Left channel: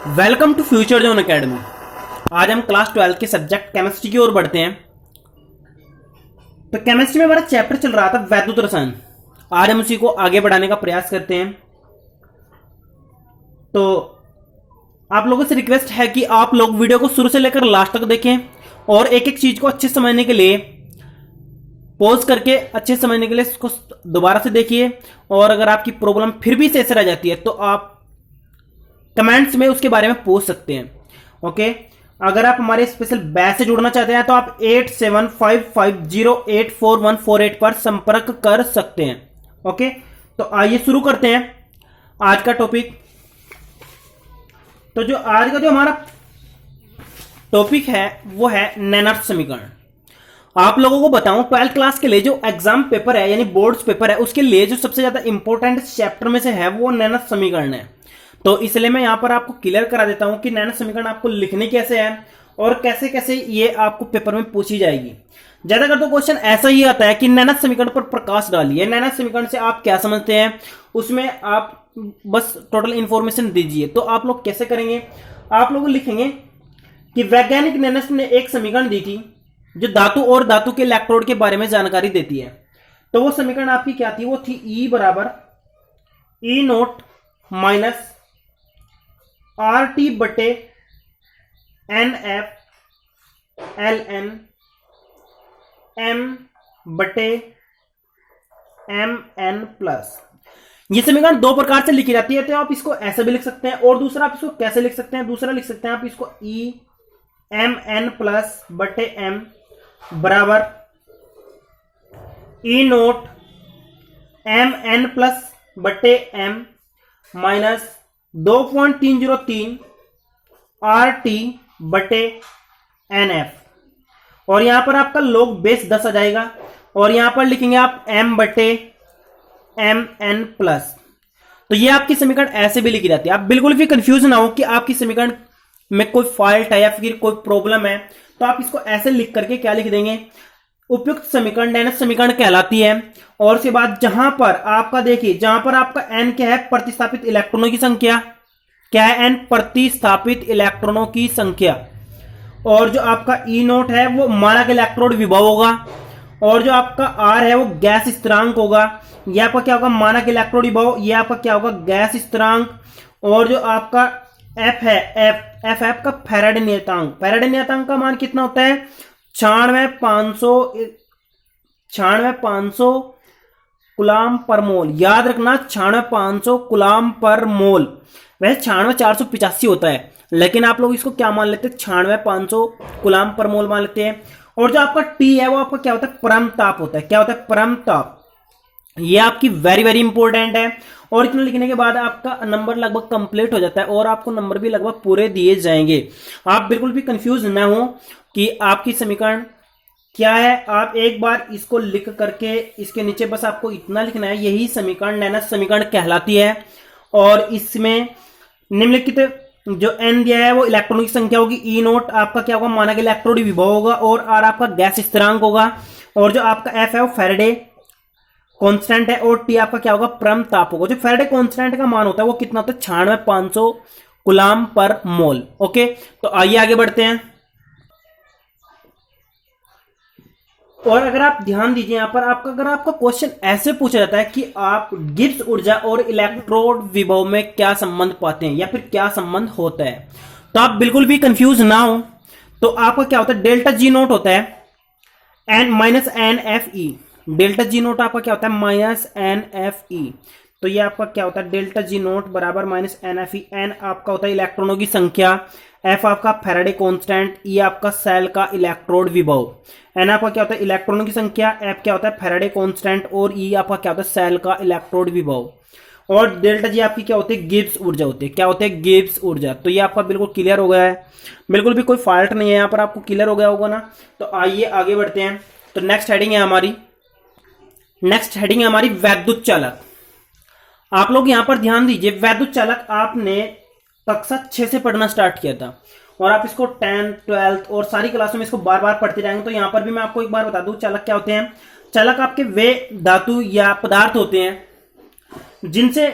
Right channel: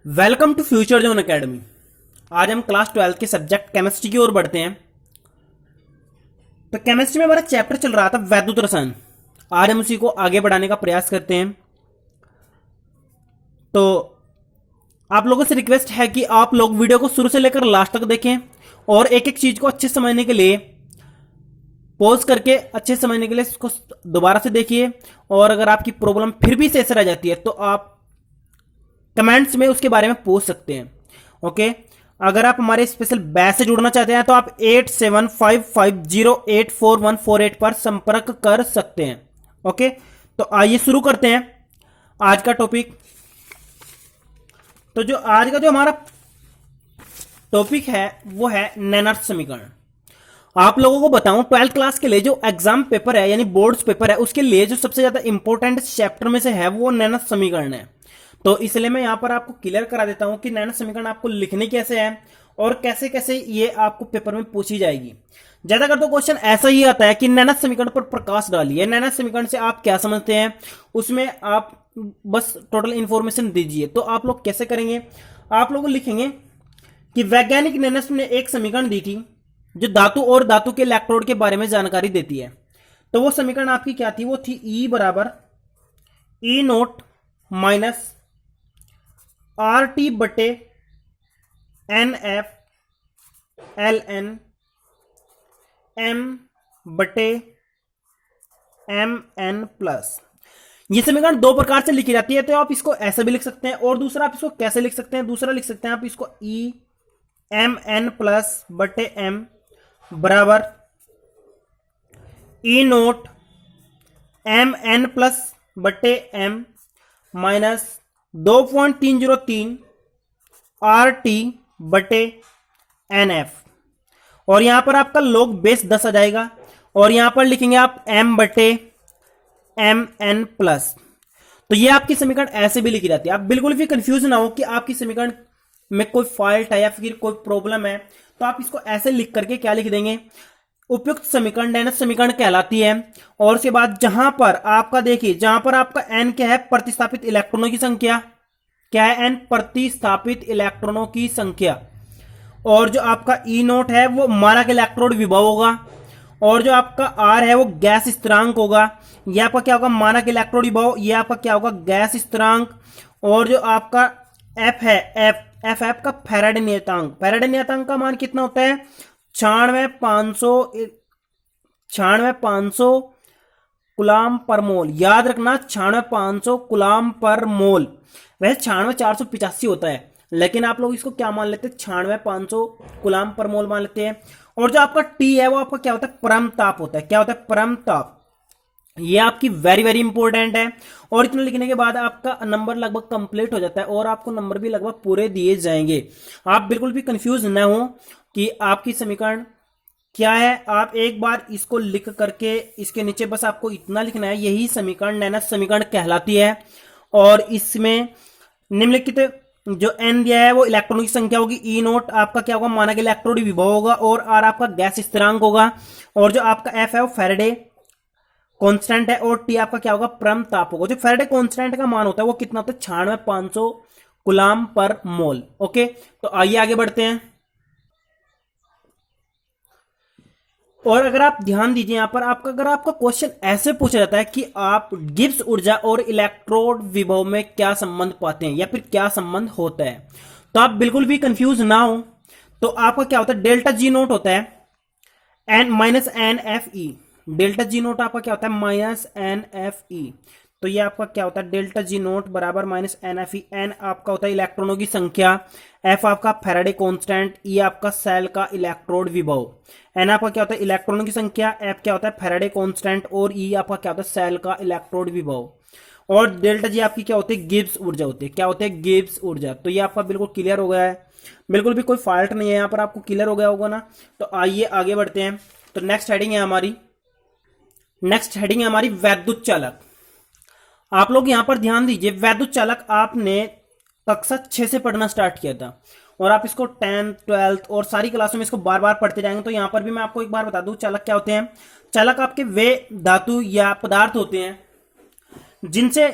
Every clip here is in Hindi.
Welcome to future zone academy. आज हम क्लास 12 के सब्जेक्ट केमिस्ट्री की ओर बढ़ते हैं। तो केमिस्ट्री में हमारा चैप्टर चल रहा था वैद्युत रसायन। आज हम उसी को आगे बढ़ाने का प्रयास करते हैं। तो आप लोगों से रिक्वेस्ट है कि आप लोग वीडियो को शुरू से लेकर लास्ट तक देखें और एक एक चीज को अच्छे से समझने के लिए पॉज करके अच्छे से समझने के लिए इसको दोबारा से देखिए। और अगर आपकी प्रॉब्लम फिर भी शेष रह जाती है तो आप कमेंट्स में उसके बारे में पूछ सकते हैं। ओके, अगर आप हमारे स्पेशल बैच से जुड़ना चाहते हैं तो आप 8755084148 पर संपर्क कर सकते हैं। ओके, तो आइए शुरू करते हैं आज का टॉपिक। तो जो आज का जो हमारा टॉपिक है वो है नैनर्स समीकरण। आप लोगों को बताऊं 12th क्लास के लिए जो एग्जाम पेपर है यानी बोर्ड्स पेपर है उसके लिए जो सबसे ज्यादा इंपॉर्टेंट चैप्टर में से है वो नैनर्स समीकरण है। तो इसलिए मैं यहां पर आपको क्लियर करा देता हूं कि नैनर्स समीकरण आपको लिखने कैसे है और कैसे कैसे ये आपको पेपर में पूछी जाएगी। ज्यादातर तो क्वेश्चन ऐसा ही आता है कि नैनर्स समीकरण पर प्रकाश डालिए। नैनर्स समीकरण से आप क्या समझते हैं उसमें आप बस टोटल इंफॉर्मेशन दीजिए। तो आप लोग कैसे करेंगे, आप लोग लिखेंगे कि वैज्ञानिक नैनर्स ने एक समीकरण दी थी जो धातु और धातु के इलेक्ट्रोड के बारे में जानकारी देती है। तो वो समीकरण आपकी क्या थी, वो थी E बराबर E naught minus r t बटे n f l n m बटे एम एन प्लस। ये समीकरण दो प्रकार से लिखी जाती है। तो आप इसको ऐसे भी लिख सकते हैं और दूसरा आप इसको कैसे लिख सकते हैं, दूसरा लिख सकते हैं आप इसको ई एम एन प्लस बटे एम बराबर ई नोट एम एन प्लस बटे एम माइनस 2.303 आर टी बटे एन एफ। और यहां पर आपका लॉग बेस 10 आ जाएगा और यहां पर लिखेंगे आप एम बटे एम एन प्लस। तो ये आपकी समीकरण ऐसे भी लिखी जाती है। आप बिल्कुल भी कंफ्यूज ना हो कि आपकी समीकरण में कोई फॉल्ट है या फिर कोई प्रॉब्लम है, तो आप इसको ऐसे लिख करके क्या लिख देंगे, उपयुक्त समीकरण नैनर्स समीकरण कहलाती है। और उसके बाद जहां पर आपका देखिए, जहां पर आपका n क्या है, प्रतिस्थापित इलेक्ट्रॉनों की संख्या क्या है, n प्रतिस्थापित इलेक्ट्रॉनों की संख्या। और जो आपका E नोट है वो मानक इलेक्ट्रोड विभव होगा और जो आपका R है वो गैस स्थिरांक होगा। यह आपका क्या होगा, मानक इलेक्ट्रोड विभव, यह आपका क्या होगा, गैस स्थिरांक। और जो आपका F है, F का फैराडे नियतांक, फैराडे नियतांक का मान कितना होता है, 96,500 गुलाम पर मोल। याद रखना 96,500 गुलाम पर मोल। वैसे 96,485 होता है लेकिन आप लोग इसको क्या मान लेते हैं, 96,500 गुलाम पर मोल मान लेते हैं। और जो आपका टी है वो आपका क्या होता है, परम ताप होता है। क्या होता है, परम ताप। ये आपकी वेरी वेरी इंपॉर्टेंट है। और इतना लिखने के बाद आपका नंबर लगभग कंप्लीट हो जाता है और आपको नंबर भी लगभग पूरे दिए जाएंगे। आप बिल्कुल भी कंफ्यूज न हो कि आपकी समीकरण क्या है। आप एक बार इसको लिख करके इसके नीचे बस आपको इतना लिखना है, यही समीकरण नैनर्स समीकरण कहलाती है। और इसमें निम्नलिखित जो एन दिया है वो इलेक्ट्रॉनों की संख्या होगी, ई नोट आपका क्या होगा, मानक इलेक्ट्रोड विभव होगा और आर आपका गैस स्थिरांक होगा। और जो आपका एफ है वो फैराडे कांस्टेंट है और टी आपका क्या होगा, परम ताप होगा। जो फैराडे कांस्टेंट का मान होता है वो कितना होता है, 96,500 गुलाम पर मोल। ओके, तो आइए आगे बढ़ते हैं। और अगर आप ध्यान दीजिए यहां पर आपका, अगर आपका क्वेश्चन ऐसे पूछा जाता है कि आप गिब्स ऊर्जा और इलेक्ट्रोड विभव में क्या संबंध पाते हैं या फिर क्या संबंध होता है, तो आप बिल्कुल भी कंफ्यूज ना हो। तो आपका क्या होता है, डेल्टा जी नोट होता है N minus N F E. Delta G naught आपका क्या होता है, माइनस एन एफ ई। तो ये आपका क्या होता है, डेल्टा जी नोट बराबर minus N F E. N आपका होता है इलेक्ट्रॉनों की संख्या, एफ आपका फैराडे कांस्टेंट, ई आपका सेल का इलेक्ट्रोड विभव। एन आपका क्या होता है, इलेक्ट्रॉनों की संख्या, एफ क्या होता है, फैराडे कांस्टेंट और ई आपका क्या होता है, सेल का इलेक्ट्रोड विभव। और डेल्टा जी आपकी क्या होती है, गिब्स ऊर्जा होती है। क्या होते हैं, गिब्स ऊर्जा। तो ये आपका बिल्कुल क्लियर हो गया है, बिल्कुल भी कोई फॉल्ट नहीं है यहाँ पर, आपको क्लियर हो गया होगा ना। तो आइए आगे बढ़ते हैं। तो नेक्स्ट हेडिंग है हमारी वैद्युत चालक। आप लोग यहां पर ध्यान दीजिए, वैद्युत चालक आपने कक्षा 6 से पढ़ना स्टार्ट किया था और आप इसको 10th 12th और सारी क्लासों में इसको बार बार पढ़ते जाएंगे। तो यहां पर भी मैं आपको एक बार बता दूं, चालक क्या होते हैं। चालक आपके वे धातु या पदार्थ होते हैं जिनसे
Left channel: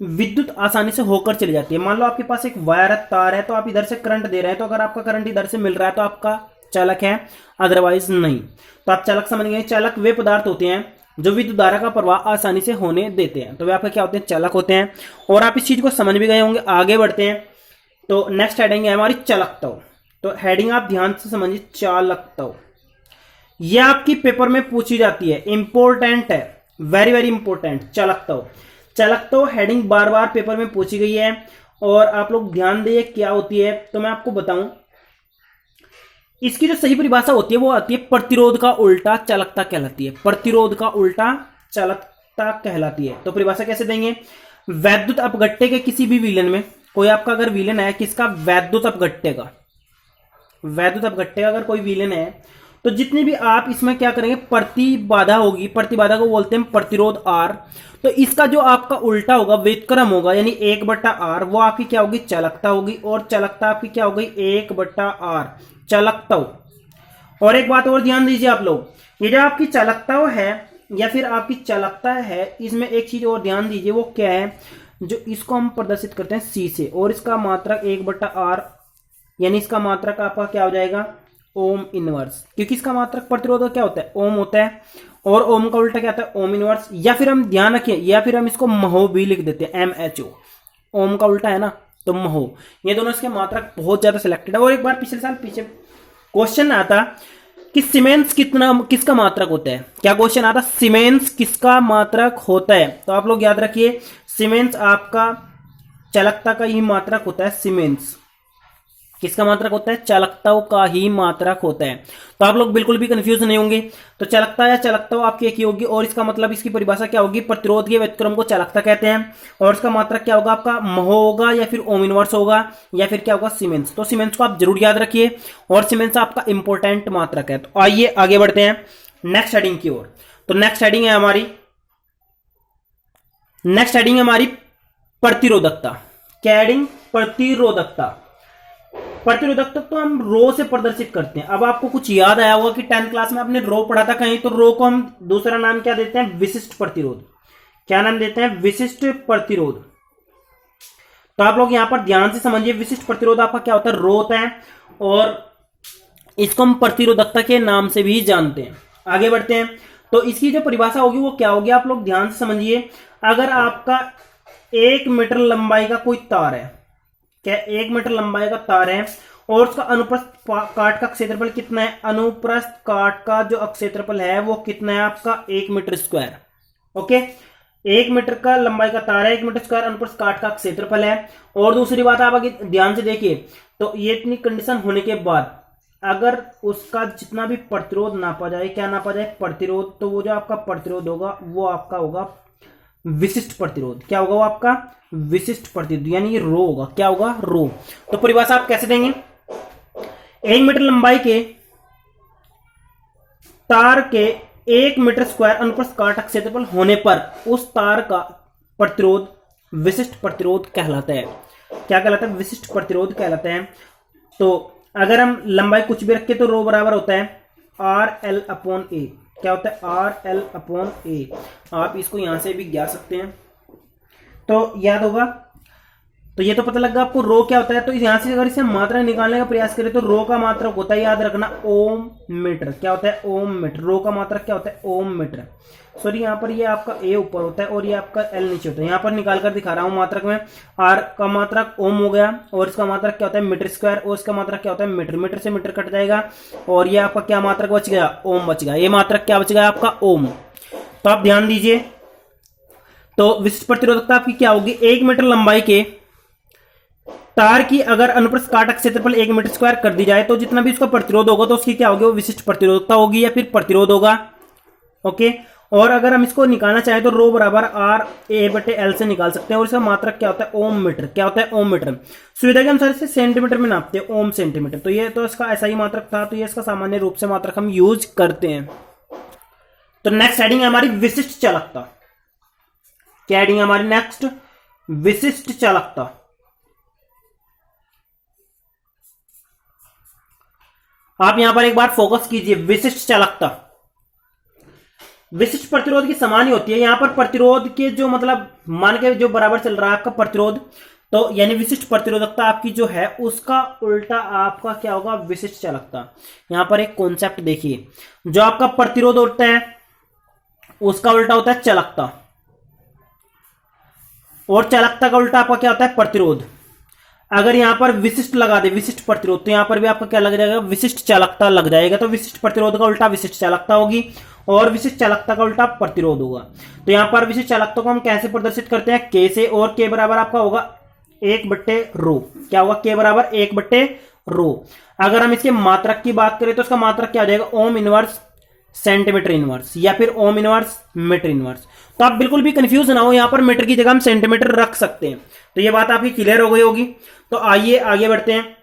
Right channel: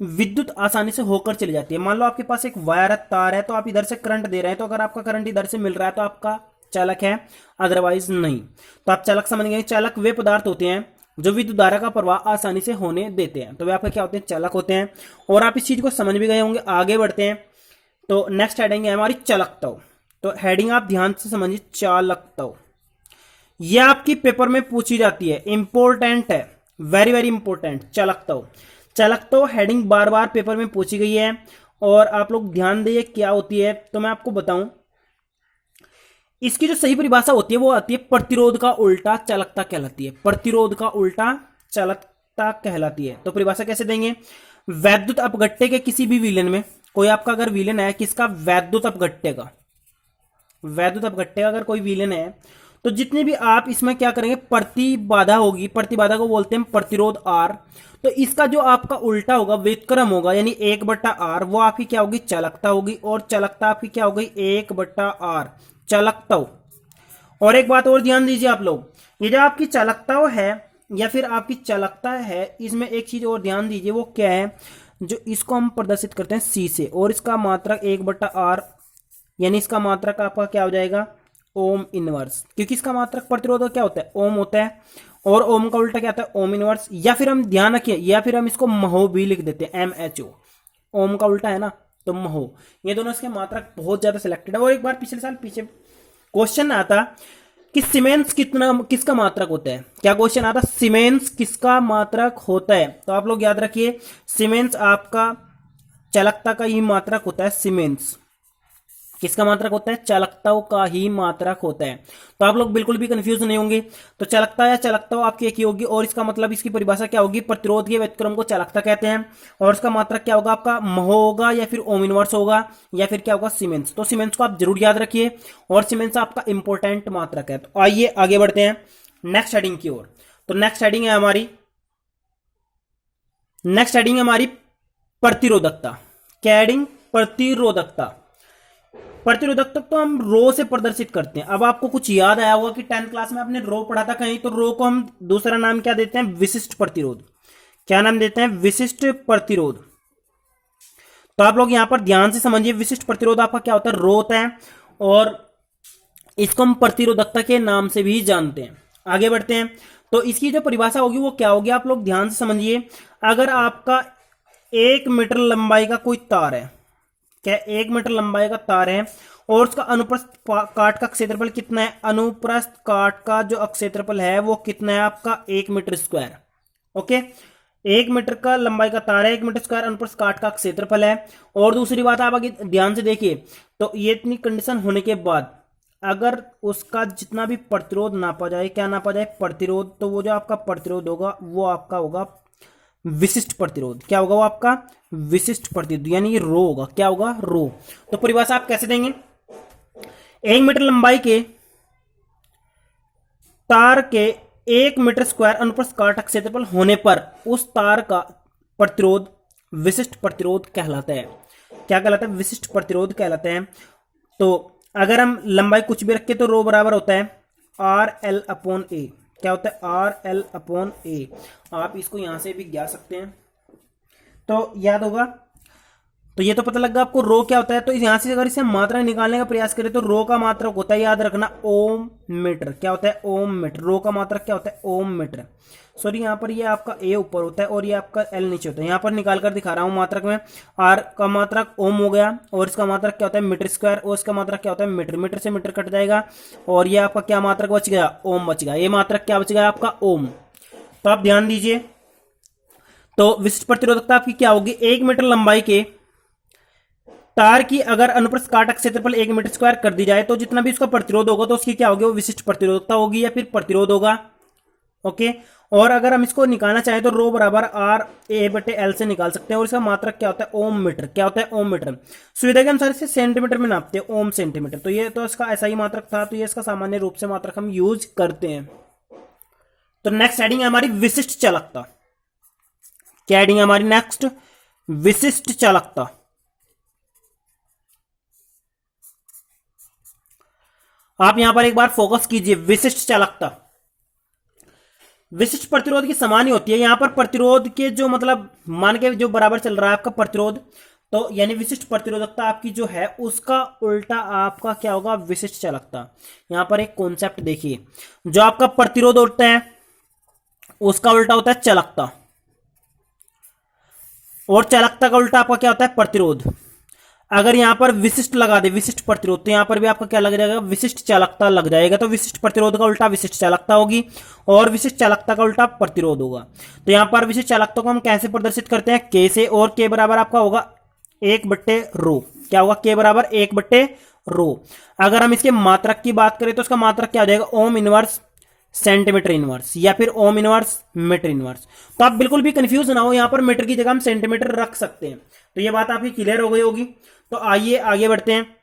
विद्युत आसानी से होकर चली जाती है। मान लो आपके पास एक वायर है, तार है, तो आप इधर से करंट दे रहे हैं, तो अगर आपका करंट इधर से मिल रहा है तो आपका चालक है, अदरवाइज नहीं। तो आप चालक समझ गए। चालक वे पदार्थ होते हैं जो विद्युत धारा का प्रवाह आसानी से होने देते हैं, तो वे आपके क्या होते हैं, चालक होते हैं। और आप इस चीज को समझ भी गए होंगे। आगे बढ़ते हैं। तो नेक्स्ट हेडिंग है हमारी चालकता। तो हेडिंग आप ध्यान से समझिए, चालकता। यह आपकी पेपर में पूछी जाती है, इंपॉर्टेंट है, वेरी वेरी इंपॉर्टेंट। चालकता, चालकता हेडिंग बार बार पेपर में पूछी गई है और आप लोग ध्यान दिए क्या होती है। तो मैं आपको बताऊं, इसकी जो सही परिभाषा होती है वो आती है प्रतिरोध का उल्टा चालकता कहलाती है। प्रतिरोध का उल्टा चालकता कहलाती है। तो परिभाषा कैसे देंगे, वैद्युत अपघट्य के किसी भी विलयन में, कोई आपका अगर विलयन है किसका, वैद्युत अपघट्य का, वैद्युत अपघट्य का अगर कोई विलयन है तो जितनी भी आप इसमें क्या करेंगे, प्रतिबाधा होगी, प्रतिबाधा को बोलते हैं प्रतिरोध आर। तो इसका जो आपका उल्टा होगा, व्युत्क्रम होगा, यानी 1/r, वो आपकी क्या होगी, चालकता होगी। और चालकता आपकी क्या होगी, 1/r चालकता। और एक बात और ध्यान दीजिए आप लोग, ये जो आपकी चालकता है या फिर आपकी चालकता है, इसमें एक चीज और ध्यान दीजिए, वो क्या है, जो इसको हम प्रदर्शित करते हैं सी से, और इसका मात्रक 1/r, यानी इसका मात्रक आपका क्या हो जाएगा, ओम इनवर्स, क्योंकि इसका मात्रक प्रतिरोध क्या होता है, ओम होता है, और ओम का उल्टा क्या होता है, ओम इनवर्स। या फिर हम ध्यान रखिए, या फिर हम इसको महो भी लिख देते हैं, MHO, ओम का उल्टा है ना, तो महो। ये दोनों इसके मात्रक बहुत ज्यादा सिलेक्टेड है। और एक बार पिछले साल पीछे क्वेश्चन आता कि सीमेंस कितना, किसका मात्रक होता है, क्या क्वेश्चन आता, सीमेंस किसका मात्रक होता है। तो आप लोग याद रखिए, सीमेंस आपका चालकता का ही मात्रक होता है। सीमेंस किसका मात्रक होता है, चालकता का ही मात्रक होता है। तो आप लोग बिल्कुल भी कंफ्यूज नहीं होंगे। तो चालकता या चालकता आपकी एक ही होगी, और इसका मतलब, इसकी परिभाषा क्या होगी, प्रतिरोध के व्युत्क्रम को चालकता कहते हैं, और इसका मात्रक क्या होगा आपका, महो होगा, या फिर ओम इनवर्स होगा, या फिर क्या होगा, सीमेंस। तो सीमेंस को आप जरूर याद रखिए, और सीमेंस आपका इंपॉर्टेंट मात्रक है। तो आइए आगे बढ़ते हैं नेक्स्ट हेडिंग की ओर। तो नेक्स्ट हेडिंग है हमारी, नेक्स्ट हेडिंग है हमारी प्रतिरोधकता। क्या हेडिंग, प्रतिरोधकता। प्रतिरोधकता तो हम रो से प्रदर्शित करते हैं। अब आपको कुछ याद आया होगा कि 10th क्लास में आपने रो पढ़ा था कहीं, तो रो को हम दूसरा नाम क्या देते हैं, विशिष्ट प्रतिरोध। क्या नाम देते हैं, विशिष्ट प्रतिरोध। तो आप लोग यहां पर ध्यान से समझिए, विशिष्ट प्रतिरोध आपका क्या होता है, रो होता है, और इसको हम प्रतिरोधकता के नाम से भी जानते हैं। आगे बढ़ते हैं। तो इसकी जो परिभाषा होगी वो क्या होगी, आप लोग ध्यान से समझिए। अगर आपका 1 मीटर लंबाई का कोई तार है, क्या 1 मीटर लंबाई का तार है, और उसका अनुप्रस्थ काट का क्षेत्रफल कितना है, अनुप्रस्थ काट का जो क्षेत्रफल है वो कितना है आपका, 1 मीटर स्क्वायर। ओके, 1 मीटर का लंबाई का तार है, 1 मीटर स्क्वायर अनुप्रस्थ काट का क्षेत्रफल है। और दूसरी बात आप आगे ध्यान से देखिए, तो ये इतनी कंडीशन होने के बाद अगर उसका जितना भी प्रतिरोध नापा जाए, क्या नापा जाए, प्रतिरोध, तो वो जो आपका प्रतिरोध होगा वो आपका होगा विशिष्ट प्रतिरोध। क्या होगा वो आपका विशिष्ट प्रतिरोध, यानी ये रो होगा, क्या होगा, रो। तो परिभाषा आप कैसे देंगे, 1 मीटर लंबाई के तार के 1 मीटर स्क्वायर अनुप्रस्थ काट क्षेत्रफल होने पर उस तार का प्रतिरोध विशिष्ट प्रतिरोध कहलाता है। क्या कहलाता है, विशिष्ट प्रतिरोध कहलाता है। तो अगर हम लंबाई कुछ भी रखें तो रो बराबर होता है RL/A। क्या होता है, RL/A। आप इसको यहां से भी ज्ञात सकते हैं, तो याद होगा। तो ये तो पता लगा आपको रो क्या होता है। तो यहां से अगर इसे मात्रा निकालने का प्रयास करें तो रो का मात्रक होता है, याद रखना, ओम मीटर। क्या होता है, ओम मीटर। रो का मात्रक क्या होता है, ओम मीटर। सॉरी, यहाँ पर ये आपका ए ऊपर होता है और ये आपका एल नीचे होता है। यहाँ पर निकाल कर दिखा रहा हूं मात्रक में, आर का मात्रक ओम हो गया, और इसका मात्रक क्या होता है, मीटर स्क्वायर, और इसका मात्रक क्या होता है, मीटर। मीटर से मीटर कट जाएगा, और ये आपका क्या मात्रक बच गया, ओम बच गया। ये मात्रक क्या बच गया आपका, ओम। तो आप ध्यान दीजिए, तो विशिष्ट प्रतिरोधकता आपकी क्या होगी, 1 मीटर लंबाई के तार की अगर अनुप्रस्थ काट क्षेत्रफल 1 मीटर स्क्वायर कर दी जाए तो जितना भी उसका प्रतिरोध होगा तो उसकी क्या होगी, वो विशिष्ट प्रतिरोधकता होगी या फिर प्रतिरोध होगा। ओके, और अगर हम इसको निकालना चाहें तो रो बराबर RA/L से निकाल सकते हैं, और इसका मात्रक क्या होता है, ओम मीटर। क्या होता है, ओम मीटर। सुविधा के अनुसार इसे सेंटीमीटर में नापते हैं, ओम सेंटीमीटर। तो ये तो इसका ऐसा ही मात्रक था, तो ये इसका सामान्य रूप से मात्रक हम यूज करते हैं। तो नेक्स्ट हेडिंग है हमारी विशिष्ट चालकता। क्या हेडिंग है हमारी नेक्स्ट, विशिष्ट चालकता। आप यहां पर एक बार फोकस कीजिए, विशिष्ट चालकता। विशिष्ट प्रतिरोध की समान ही होती है। यहां पर प्रतिरोध के जो मतलब मान के जो बराबर चल रहा है आपका प्रतिरोध, तो यानी विशिष्ट प्रतिरोधकता आपकी जो है उसका उल्टा आपका क्या होगा, विशिष्ट चालकता। यहां पर एक कॉन्सेप्ट देखिए, जो आपका प्रतिरोध होता है उसका उल्टा होता है चालकता, और चालकता का उल्टा आपका क्या होता है, प्रतिरोध। अगर यहां पर विशिष्ट लगा दे, विशिष्ट प्रतिरोध, तो यहां पर भी आपका क्या लग जाएगा, विशिष्ट चालकता लग जाएगा। तो विशिष्ट प्रतिरोध का उल्टा विशिष्ट चालकता होगी, और विशिष्ट चालकता का उल्टा प्रतिरोध होगा। तो यहां पर विशिष्ट चालकता को हम कैसे प्रदर्शित करते हैं, के से, और के बराबर आपका होगा 1/रो। क्या होगा, के बराबर 1/रो। अगर हम इसके मात्रक की बात करें तो इसका मात्रक क्या हो जाएगा, ओम इनवर्स सेंटीमीटर इनवर्स, या फिर ओम इनवर्स मीटर इनवर्स। तो आप बिल्कुल भी कंफ्यूज ना हो, यहां पर मीटर की जगह हम सेंटीमीटर रख सकते हैं। तो ये बात आपकी क्लियर हो गई होगी। तो आइए आगे बढ़ते हैं।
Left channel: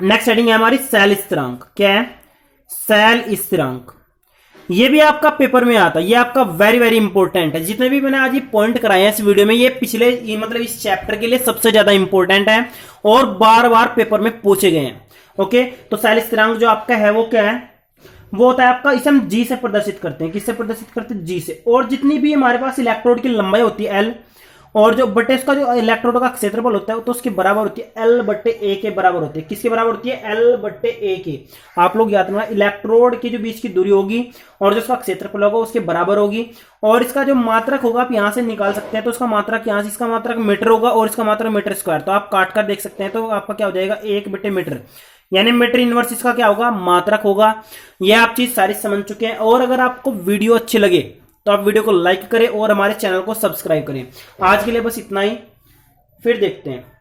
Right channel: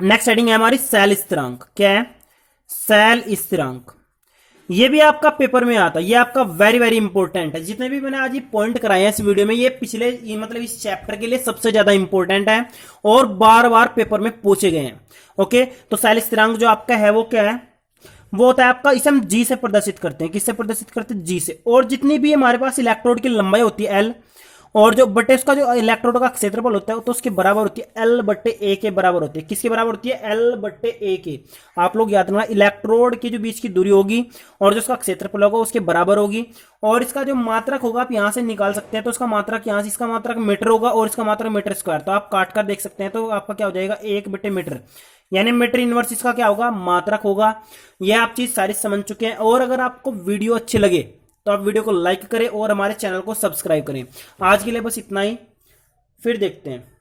नेक्स्ट हेडिंग है हमारी सेल स्थिरांक। क्या है, सेल स्थिरांक। ये भी आपका पेपर में आता है, ये आपका वेरी वेरी इंपॉर्टेंट है। जितने भी मैंने आज ये पॉइंट कराए हैं इस वीडियो में, ये पिछले मतलब इस चैप्टर के लिए सबसे ज्यादा इंपॉर्टेंट है और बार बार पेपर में पूछे गए हैं। ओके, तो सेल स्थिरांक जो आपका है वो क्या है, वो होता है आपका, इसे हम जी से प्रदर्शित करते हैं। किससे प्रदर्शित करते हैं, जी से। और जितनी भी हमारे पास इलेक्ट्रोड की लंबाई होती है एल, और जो बटे उसका जो इलेक्ट्रोड का क्षेत्रफल होता है तो उसके बराबर होती है, L/A के बराबर होती है। किसके बराबर होती है, L/A के। आप लोग याद रखना, इलेक्ट्रोड की जो बीच की दूरी होगी और जो उसका क्षेत्रफल होगा उसके बराबर होगी। और इसका जो मात्रक होगा आप यहां से निकाल सकते हैं, तो उसका मात्रक यहां से, इसका मात्रक मीटर होगा और इसका मात्रक मीटर स्क्वायर। तो आप काट कर देख सकते हैं, तो आपका क्या हो जाएगा, 1/मीटर, यानी मीटर इनवर्स इसका क्या होगा, मात्रक होगा। यह आप चीज सारी समझ चुके हैं। और अगर आपको वीडियो अच्छी लगे तो आप वीडियो को लाइक करें और हमारे चैनल को सब्सक्राइब करें। आज के लिए बस इतना ही, फिर देखते हैं।